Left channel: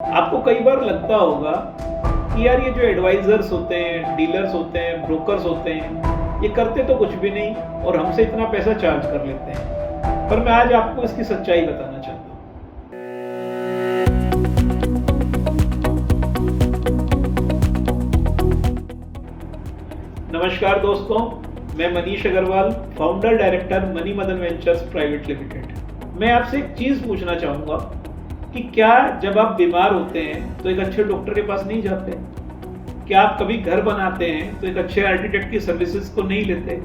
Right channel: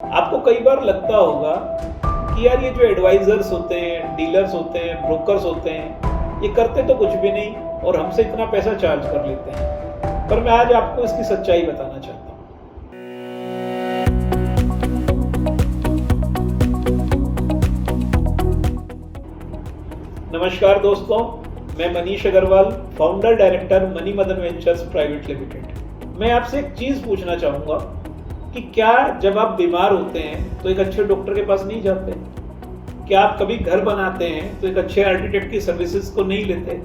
आपको कई बार लगता होगा कि यार ये जो एडवाइजर्स होते हैं, डीलर्स होते हैं, ब्रोकर्स होते हैं, ये करते तो कुछ भी नहीं और हमसे इतना पैसा चार्ज कर लेते हैं। पर मैं आज आपको इसकी सच्चाई बताना चाहता हूँ। नमस्कार दोस्तों, मैं Manish Agarwal, founder director money Madan ventures private limited. मैं आपसे एक चीज़ पूछना चाहूँगा कि क्या जब आप बीमार होते हैं तो एक अच्छे डॉक्टर के पास नहीं जाते? क्या आप कभी घर बनाते हैं तो एक अच्छे आर्किटेक्ट की सर्विसेज को नहीं लेते?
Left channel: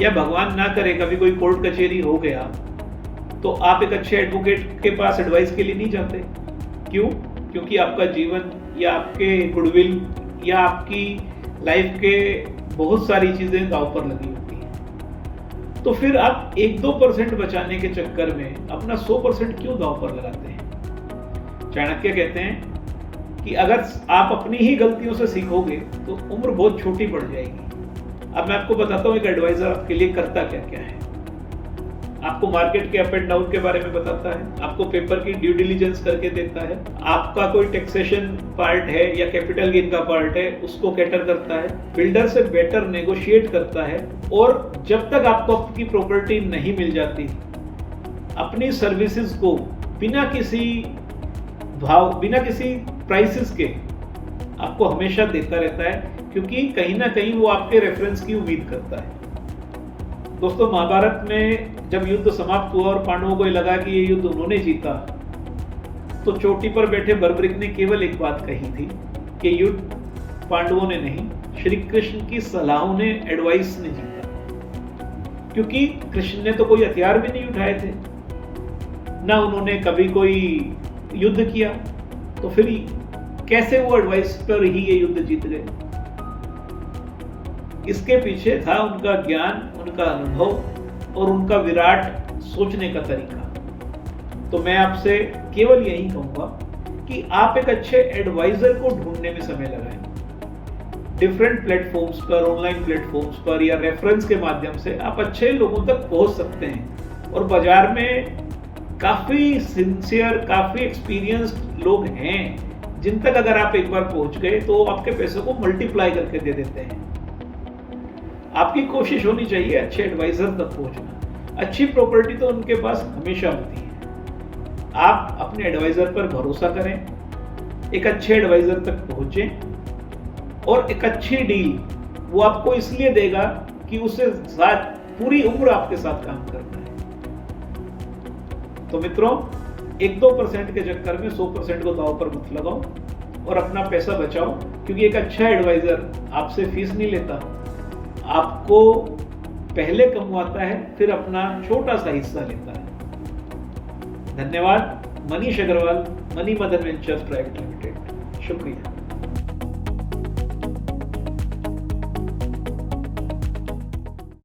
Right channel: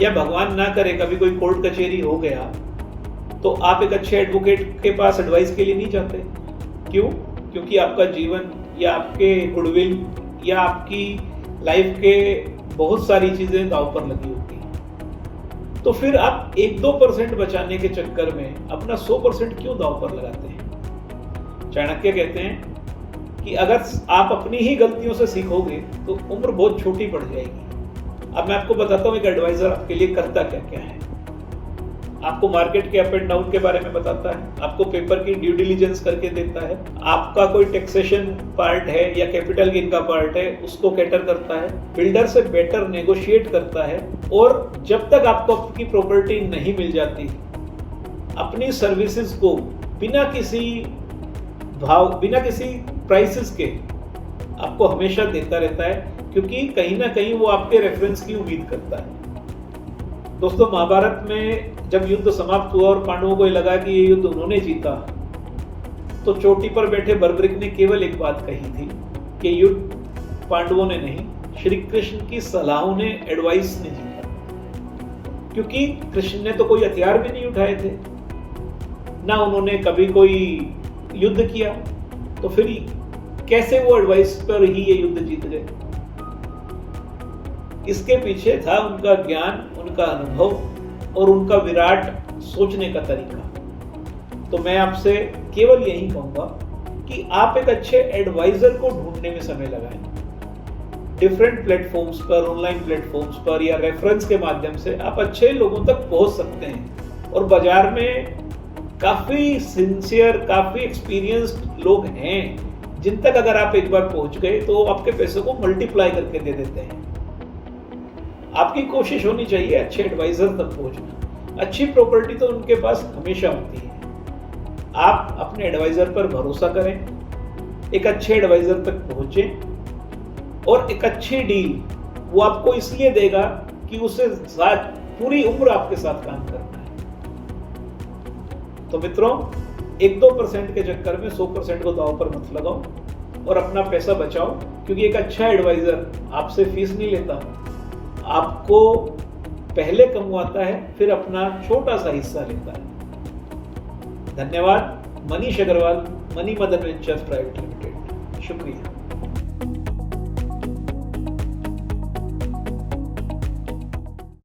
या भगवान ना करे कभी कोई कोर्ट कचहरी हो गया तो आप एक अच्छे एडवोकेट के पास एडवाइस के लिए नहीं जाते? क्यों? क्योंकि आपका जीवन या आपके गुडविल या आपकी लाइफ के बहुत सारी चीज़ें दांव पर लगी होती हैं। तो फिर आप 1-2% बचाने के चक्कर में अपना 100% क्यों दांव पर लगाते हैं? चाणक्य कहते हैं कि अगर आप अपनी ही गलतियों से सीखोगे तो उम्र बहुत छोटी पड़ जाएगी। अब मैं आपको बताता हूँ एक एडवाइजर आपके लिए करता क्या क्या है। आपको मार्केट के अप एंड डाउन के बारे में बताता है, आपको पेपर की ड्यू डिलीजेंस करके देता है, आपका कोई टैक्सेशन पार्ट है या कैपिटल गेन का पार्ट है उसको कैटर करता है, बिल्डर से बेटर नेगोशिएट करता है, और जब तक आपको आपकी प्रॉपर्टी नहीं मिल जाती अपनी सर्विसेज को बिना किसी प्राइसेस के आपको हमेशा देता रहता है, क्योंकि कहीं ना कहीं वो आपके रेफरेंस की उम्मीद करता है। दोस्तों, महाभारत में जब युद्ध समाप्त हुआ और पांडवों को लगा कि ये युद्ध उन्होंने जीता, तो चोटी पर बैठे बर्बरिक ने केवल एक बात कही थी कि युद्ध पांडवों ने नहीं, श्री कृष्ण की सलाहों ने, एडवाइस ने जीता। क्योंकि कृष्ण ने तो कोई हथियार भी नहीं उठाए थे, ना उन्होंने कभी कोई युद्ध किया, तो फिर कैसे वो एडवाइस पर ही ये युद्ध जीत गए? इसके पीछे था उनका ज्ञान, उनका अनुभव और उनका विराट सोचने का तरीका। तो मैं आपसे केवल यही कहूंगा कि आप एक अच्छे एडवाइजर को ढूंढने में समय लगाएं। डिफरेंट प्लेटफॉर्म्स पर, ऑनलाइन प्लेटफॉर्म्स पर या रेफरेंस के माध्यम से आप अच्छे लोगों तक पहुंच सकते हैं। और बाजार में काफ़ी सिंसियर, काफ़ी एक्सपीरियंस्ड लोग हैं जिन तक अगर आप एक बार पहुंच गए तो आपके पैसों को मल्टीप्लाई करके दे देते हैं। आपकी कोशिश होनी चाहिए अच्छे एडवाइजर तक पहुंचना। अच्छी प्रॉपर्टी तो उनके पास हमेशा होती है। आप अपने एडवाइजर पर भरोसा करें, एक अच्छे एडवाइजर तक पहुंचें, और एक अच्छी डील वो आपको इसलिए देगा कि उससे साथ पूरी उम्र आपके साथ काम करना है। तो मित्रों, 1-2% के चक्कर में 100% को दांव पर मत लगाओ और अपना पैसा बचाओ, क्योंकि एक अच्छा एडवाइजर आपसे फीस नहीं लेता, आपको पहले कमवाता है, फिर अपना छोटा सा हिस्सा लेता है। धन्यवाद। Manish Agarwal, money Madan ventures private limited. शुक्रिया।